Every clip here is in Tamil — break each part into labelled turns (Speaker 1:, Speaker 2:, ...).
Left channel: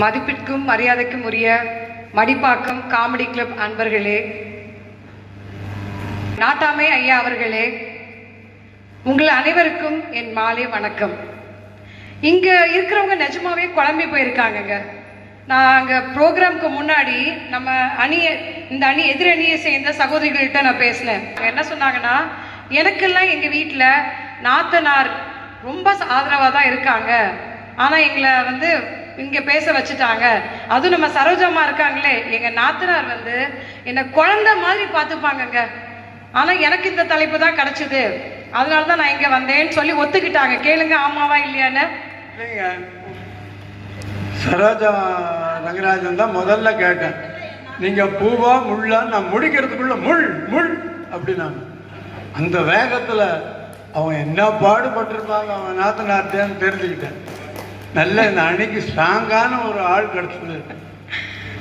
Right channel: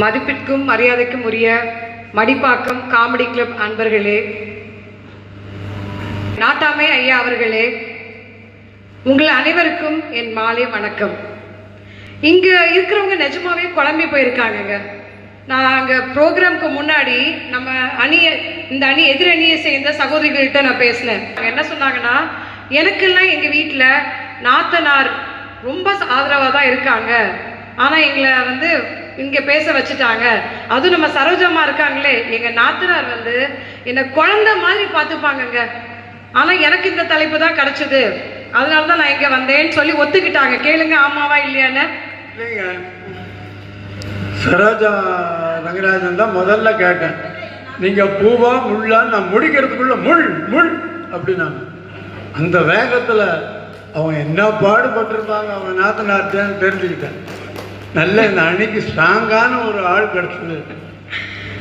Speaker 1: மதிப்பிற்கும் மரியாதைக்கும் உரிய மடிப்பாக்கம் காமெடி கிளப் அன்பர்களே. நாட்டாமை ஐயா அவர்களே உங்கள் அனைவருக்கும் என் மாலை வணக்கம். இங்க இருக்கிறவங்க நிஜமாவே குழம்பி போயிருக்காங்கங்க. நான் அங்க ப்ரோக்ராம்க்கு முன்னாடி நம்ம அணியை இந்த அணி எதிர் அணியை சேர்ந்த சகோதரிகள்கிட்ட நான் பேசினேன். அவங்க என்ன சொன்னாங்கன்னா எனக்கெல்லாம் எங்க வீட்டில் நாத்தனார் ரொம்ப ஆதரவாக தான் இருக்காங்க. ஆனால் எங்களை வந்து இங்கே பேச வச்சுட்டாங்க. அதுவும் நம்ம சரோஜம்மா இருக்காங்களே எங்கள் நாத்தனார் வந்து என்னை குழந்தை மாதிரி பார்த்துப்பாங்கங்க. ஆனால் எனக்கு இந்த தலைப்பு தான் கிடச்சிது. அதனால தான் நான் இங்கே வந்தேன்னு சொல்லி ஒத்துக்கிட்டாங்க. கேளுங்க ஆமாவா இல்லையான்னு.
Speaker 2: சரோஜா ரங்கராஜன் தான் முதல்ல கேட்டேன். நீங்கள் பூவா முள்ளா நான் முடிக்கிறதுக்குள்ள முள் முள் அப்படின்னாங்க. அந்த வேகத்தில் அவன் என்ன பாடுபட்டிருப்பாங்க அவன் நாத்தனார்த்தேன்னு தெரிஞ்சுக்கிட்டேன். நல்ல இந்த அணிக்கு ஸ்ட்ராங்கான ஒரு ஆள் கிடைச்சது.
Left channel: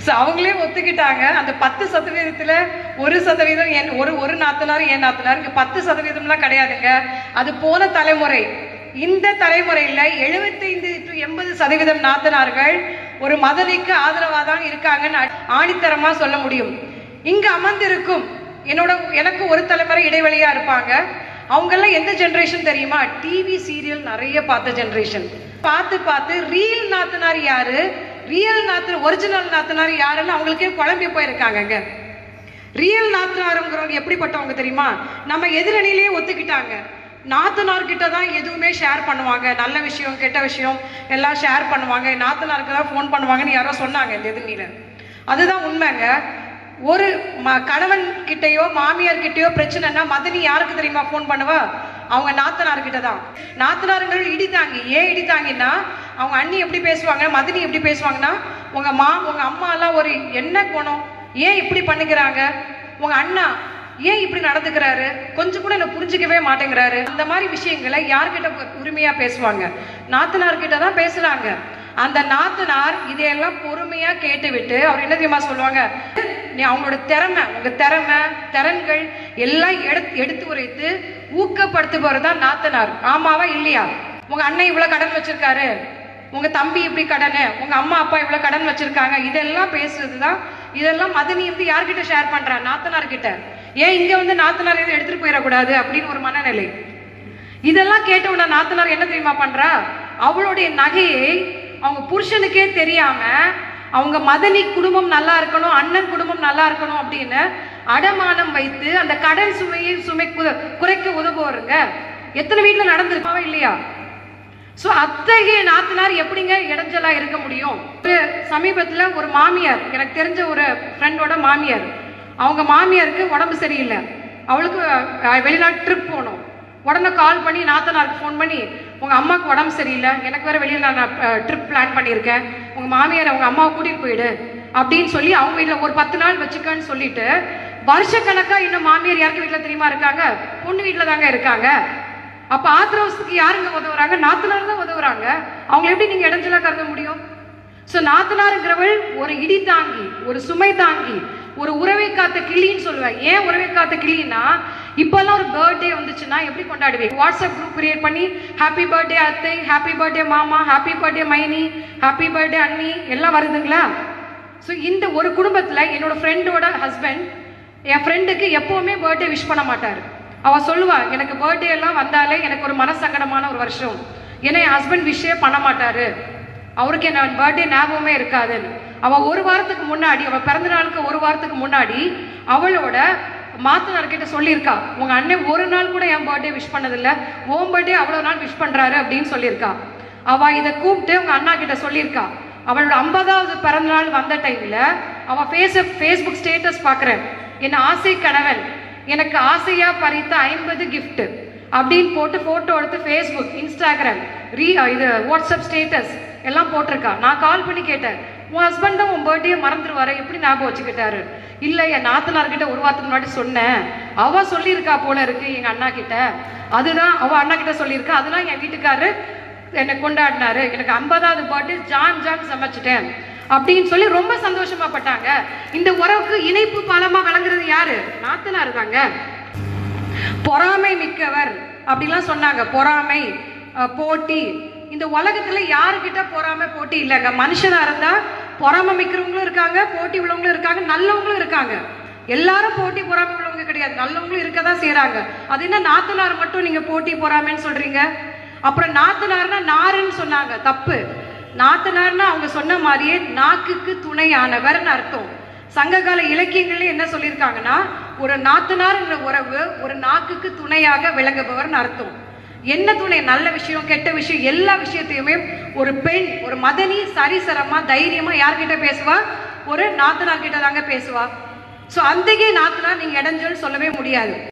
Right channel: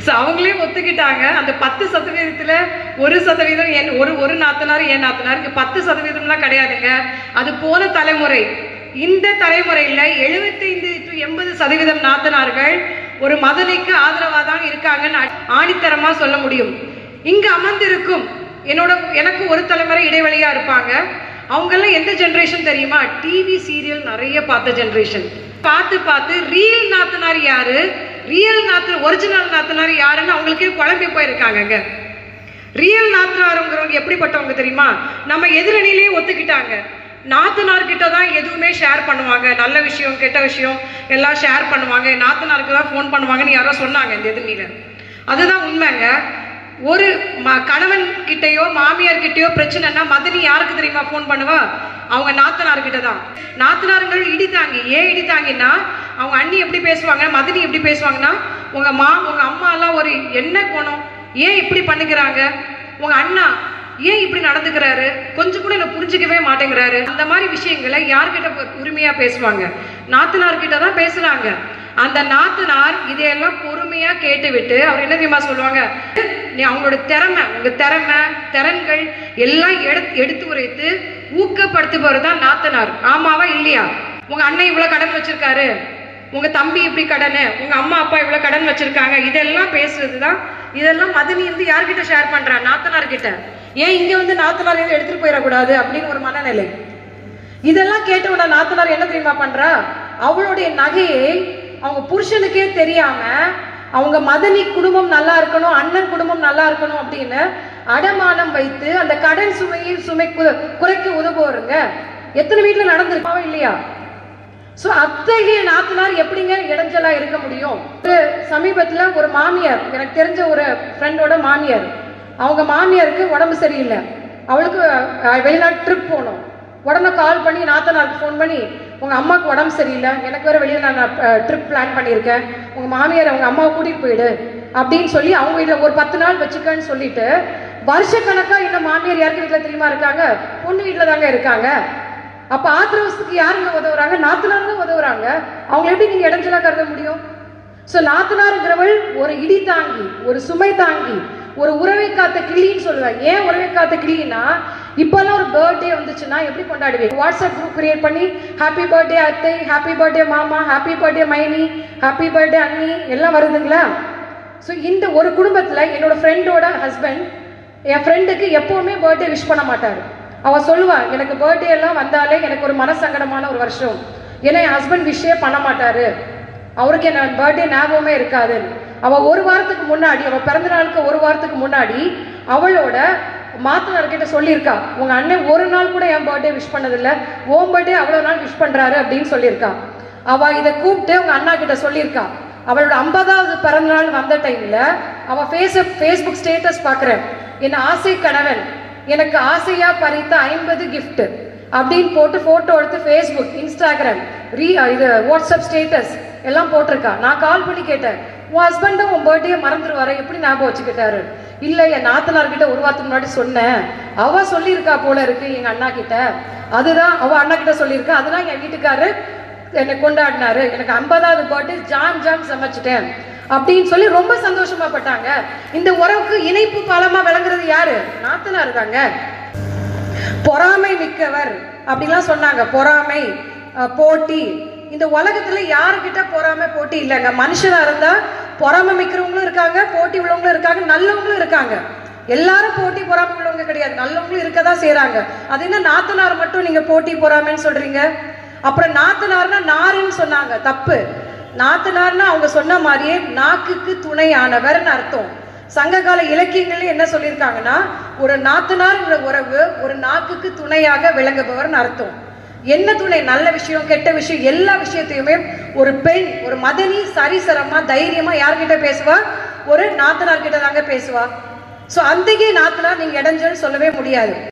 Speaker 1: ஸோ அவங்களே ஒத்துக்கிட்டாங்க. அந்த பத்து சதவீதத்தில் ஒரு சதவீதம் என் ஒரு ஒரு நாத்தனார் என் நாத்தனார் பத்து சதவீதம்லாம் கிடையாதுங்க. அது போன தலைமுறை. இந்த தலைமுறையில் எழுபத்தைந்து டு எண்பது சதவீதம் நாத்தனார்கள் ஒரு மதனிக்கு ஆதரவாக தான் இருக்காங்கன்னு ஆணித்தரமாக சொல்ல முடியும். இங்க அமர்ந்திருக்கும் என்னோட எனக்கு ஒரு தலைமுறை இடைவெளியாக இருப்பாங்க. அவங்கெல்லாம் எந்த ஜென்ரேஷன் தெரியுமா? டிவி சீரியல் நிறைய பார்த்த ஜென்ரேஷன் பார்த்து பார்த்து ரீல் நாத்தனார் யாரு? ரியல் நாத்து ஒரிஜினல் நாத்தனார் யாருன்னு அவங்களுக்கே குழம்பி போயிருக்காங்கங்க. ரியல் நாத்தனாருங்கிறவங்க எப்படிப்பட்டவங்க தெரியுமா? நம்ம எதிரணிலேயே ஒத்துக்கிட்டாங்க. நாத்தனார்கிட்ட தான் எதுவுமே ஷேர் பண்ணுவாங்க. நல்ல விஷயம் கெட்ட விஷயம் எல்லாம் ஷேர் பண்ணுவாங்க. நாத்தனாருக்கு தான் ஃபோன் பண்ணுவாங்கன்னு யாரோ சொன்னாங்க இந்த எதிரணியில. அதுதான் உண்மைங்க. ஒரு ம கணவன் கிட்டயோ மாமியார் கிட்டயோ பிரச்சனைனா மதனி யாருக்கு தெரியுமா ஃபோன் பண்ணுவா? அவங்க நாத்தனார்கிட்ட தான். நாத்தனாருங்கள் இடித்தாங்க ஏன் இடித்தாங்கன்னா அவங்க அண்ணி எப்படி பேசுவாங்க மதினி எப்படி பேசுவாங்கன்னா உங்க மா உங்க அம்மாலாம் ஒரு என்ன குணம்? ஏன் இப்படி பண்ணுகிறாங்க? உங்க அண்ணா ஏன் இப்படி நடந்துக்கிறாரு? கொஞ்சம் கூட என்ன புரிஞ்சுக்கவே மாட்டேங்கிறாரு. அந்த மாதிரி விஷயங்களை யார்கிட்ட பு- உரிமையா பேசுவாங்க? நாத்தனார்கிட்ட தான் பேசுறாங்க. அந்த நாத்தனார் இதையெல்லாம் பொறுமையா கேட்டுவிட்டு அவர் என்ன தெரியுமா சொல்லுவாங்க? நீ அவங்களோட திறமை உங்க திறமை திறன்கள் எல்லாம் எடுத்து எடுத்து உரைத்து ஊக்கப்படுத்துபவர் தான் நாத்தனார். ஆமாவா இல்லையா? உங்க அண்ணன் இவ்வளவு கடன் வச்சிருக்காரு. உங்க தம்பி இப்படி கடனு. உங்க அம்மா அப்பா இவ்வளவு கடன் வச்சிருக்காங்க. இதெல்லாம் பேசுறது தான் இதெல்லாம் மதனி வந்து யார்கிட்ட ஷேர் பண்றா? நாத்தனார் கிட்ட ஏன் இங்க வந்து நாத்தனார் எடுத்துகிட்டு எடுத்துட்டு போயிடக்கூடாது அப்படின்னு ஒரு மனநிலை. இதெல்லாம் கேட்டவுடனே நாத்தனார் என்ன தெரியுமா பண்றா? அவளுடைய நகையை அவங்க புருஷனுக்கே தெரியாம அவங்க மதனி குடும்பம் நல்லா இருக்கணும் அண்ணன் குடும்பம் நல்லா இருக்கணும் அப்படின்னு அடமானம் வைத்து அந்த கடன் சுமையை சுமை குறைக்க உதவுவாருங்க. எத்தனை வீட்டில் நடந்திருக்காவா இல்லையா? ஸோ அத்தகைய நாத்தனார் எப்படிங்க இடைஞ்சலா இருக்க முடியும்? ஒரு சமீபத்தில் ஒரு மாமியார் எனக்கு தெரிஞ்ச ஒரு ஃப்ரெண்டோட மாமியார். அவங்க மாமியாருக்கு உடம்பு சரியில்லை. அவளுக்கு வெளிநாட்டு ட்ரிப் போகணும். உடனே கால் பண்ணி நாத்தனாருக்கு ஃபோன் பண்ணி உங்கள் அம்மாவுக்கு உடம்பு சரியில்லை. எனக்கு வேறு வெளியில் நான் ட்ரிப் பிளான் பண்ணியிருக்கேன். உங்கள் மாமியார் அவங்க அம்மாவை கூட்டிகிட்டு போயிடு. அப்படின்னு சொல்லி அவங்க வீட்டில் ஒரு பத்து நாள் வச்சுக்கன்னு சொல்லிட்டு வருஷக்கணக்காக இன்னும் மாமியார் யாருக்கு வீட்டில் தெரியுமா இருக்காங்க? பொண்ணு வீட்டில் தாங்க இருக்காங்க. அப்போ ஆத்திரவசத்துக்கு யாருங்க உதவுறாங்க? நாத்தனார் தான் உதவுறாங்க. அவங்கள எப்படி நீங்கள் இடைஞ்சலாக கருத முடியும்? ஸோ நாத்தனாருங்கிறவள் ஒரு இடி தாங்கி ஒரு சுமை தாங்கி ஒரு உறவை காத்த கிளின்னு சொல்லுவேன் ஏன் உறவை காத்த கிளின்னா இப்போல்லாம் ஒரு பர்த்டே வந்துச்சுன்னா எப்படி கொண்டாடுவேன் வாட்ஸ்அப் குரூப் கிரியேட் பண்ணி ஹாப்பி பர்த்டே அத்தை. ஹாப்பி பர்த்டே மாமா. ஹாப்பி பர்த்டே மைனி. ஹாப்பி பர்த்டே அண்ணி. எல்லாம் வருதுங்களா? ஸோ இந்த ஒரு குடும்பத்தில் என்னோட ஃப்ரெண்டோட ஹஸ்பண்ட் என் ஃப்ரெண்டுக்கு எப்போவுமே பர்த்டே விஷ் பண்ண மாட்டார். அவ சொல்லுவா எனக்கு பர்த்டே எல்லாம் வந்தாலே எனக்கு ஒரு மனசங்கடமான ஒரு வருஷம். ஏன்னா என் ஹஸ்பண்ட் விஷயே பண்ண மாட்டாரு. அவருக்கு என்ன பர்த்டே ஞாபகமே இருக்காதுன்னு. அவள் ஒரு வாரத்துக்கு முன்னாடி அவள் பிறந்த நாளுக்கு ஒரு வாரத்துக்கு முன்னாடி அவளோட மாத்தனார் கிட்ட சொல்லியிருக்கா உங்க அண்ணன் ஒரு நாள் கூட என் பர்த்டே விஷ் பண்ணதில்ல ஓம் பர்த்டே அவ்வளவு நாள் விஷ் பண்றாரு அப்படின்னு சொல்லியிருக்கா. அவ இதை கூப்பிட்டு உங்க அண்ணா கிட்ட சொல்லியிருக்கா. அவளோட ஐம்பதாவது பிறந்த நாள் வந்த டைம்ல அவ ஃபேஸ் ஃபேஸ்புக் ஸ்டேட்டஸ் பார்க்குறேன். என் ஆசை கணவன் எனக்கு ஆசையா பறித்த ஐம்பது கிஃப்ட்டு அப்படின்னு போட்டு போட்டோ எடுத்து ஃபேஸ்புக் இன்ஸ்டாகிராம் ரீ இது வாட்ஸ்அப் ஸ்டேட்டஸ் எல்லாம் போட்டிருக்கா. நான் கால் பண்ணி கேட்டேன் உன் ஹஸ்பண்டும் உன் பர்த்டே மறந்துடுவாரு எப்படி ஞாபகம் வச்சுக்கிட்டாரு? இல்லை என் நாத்தனார்கிட்ட ஒரு வாரத்துக்கு முன்னாடி சொன்னேன். அவ சொல்லியிருக்கா போல இருக்கு எங்க அண்ணா கிட்ட அதுதான் அவ அண்ணா கிட்ட சொல்லியிருக்கா. அதுதான் என் வீட்டுக்காரு என்னை கொண்டாடினாரு. எனக்கு ஐம்பதாவது பர்த்டே ஜான் ஜான் சமைச்சிட்டேன். அப்படின்னு சொல்லி ரொம்ப சந்தோஷமா பட்டாங்க. இந்த உறவுக்கு இணைப்பு பலமா விளங்குறது யாரு? நாத்தனார் தாங்க. பொறாமை மிக்கவர். அப்படிலாம் சொன்னாங்க. பொறாமை போட்டி. இந்த உலகத்துல யாருக்கிட்ட பொறாமை போட்டி இல்லைங்க. மனுஷனா இருந்தா பொறாமை மிக்கிறவங்களும் இருக்காங்க போட்டி உள்ளவங்களும் இருக்காங்க நல்லவங்களும் இருக்காங்க. எல்லாரும் போட்டி பொறாமை உள்ளவங்க கிடையாது. நல்லவங்களும் இருக்க தான் செய்கிறாங்க அது என்ன நாத்தனார் மட்டும் நீங்கள் போட்டி பொறாமைன்னு சொல்கிறீங்க அப்புறம் நாத்தனார்னா நாருன்னு சொன்னாங்க. தப்பு. நாத்தனார்னா அவங்க சொன்ன மாதிரியே நாக்குக்கு துணையானவர்னு அர்த்தம். சங்ககால இலக்கியங்கள்ல என்ன சொல்லியிருக்காங்கன்னா ஒரு நாத்தனார்ங்கிற உறவு ஒரு நாக்குக்கு துணையாக விளங்குபவர்னு அர்த்தம். என்ன துணை? நல்ல விஷயம் கெட்ட விஷயம் எல்லா விஷயத்தையுமே ஒரு பெண் ஒரு மதனி சரிசரமா தைரியமா யார்கிட்ட பேசுவா? ஒரு நாத்தனார்கிட்ட தாங்க பேசுவா. ஸோ அந்திகை நாத்தனார் நீங்க இடைஞ்சல் சொல்லவே முடியாது.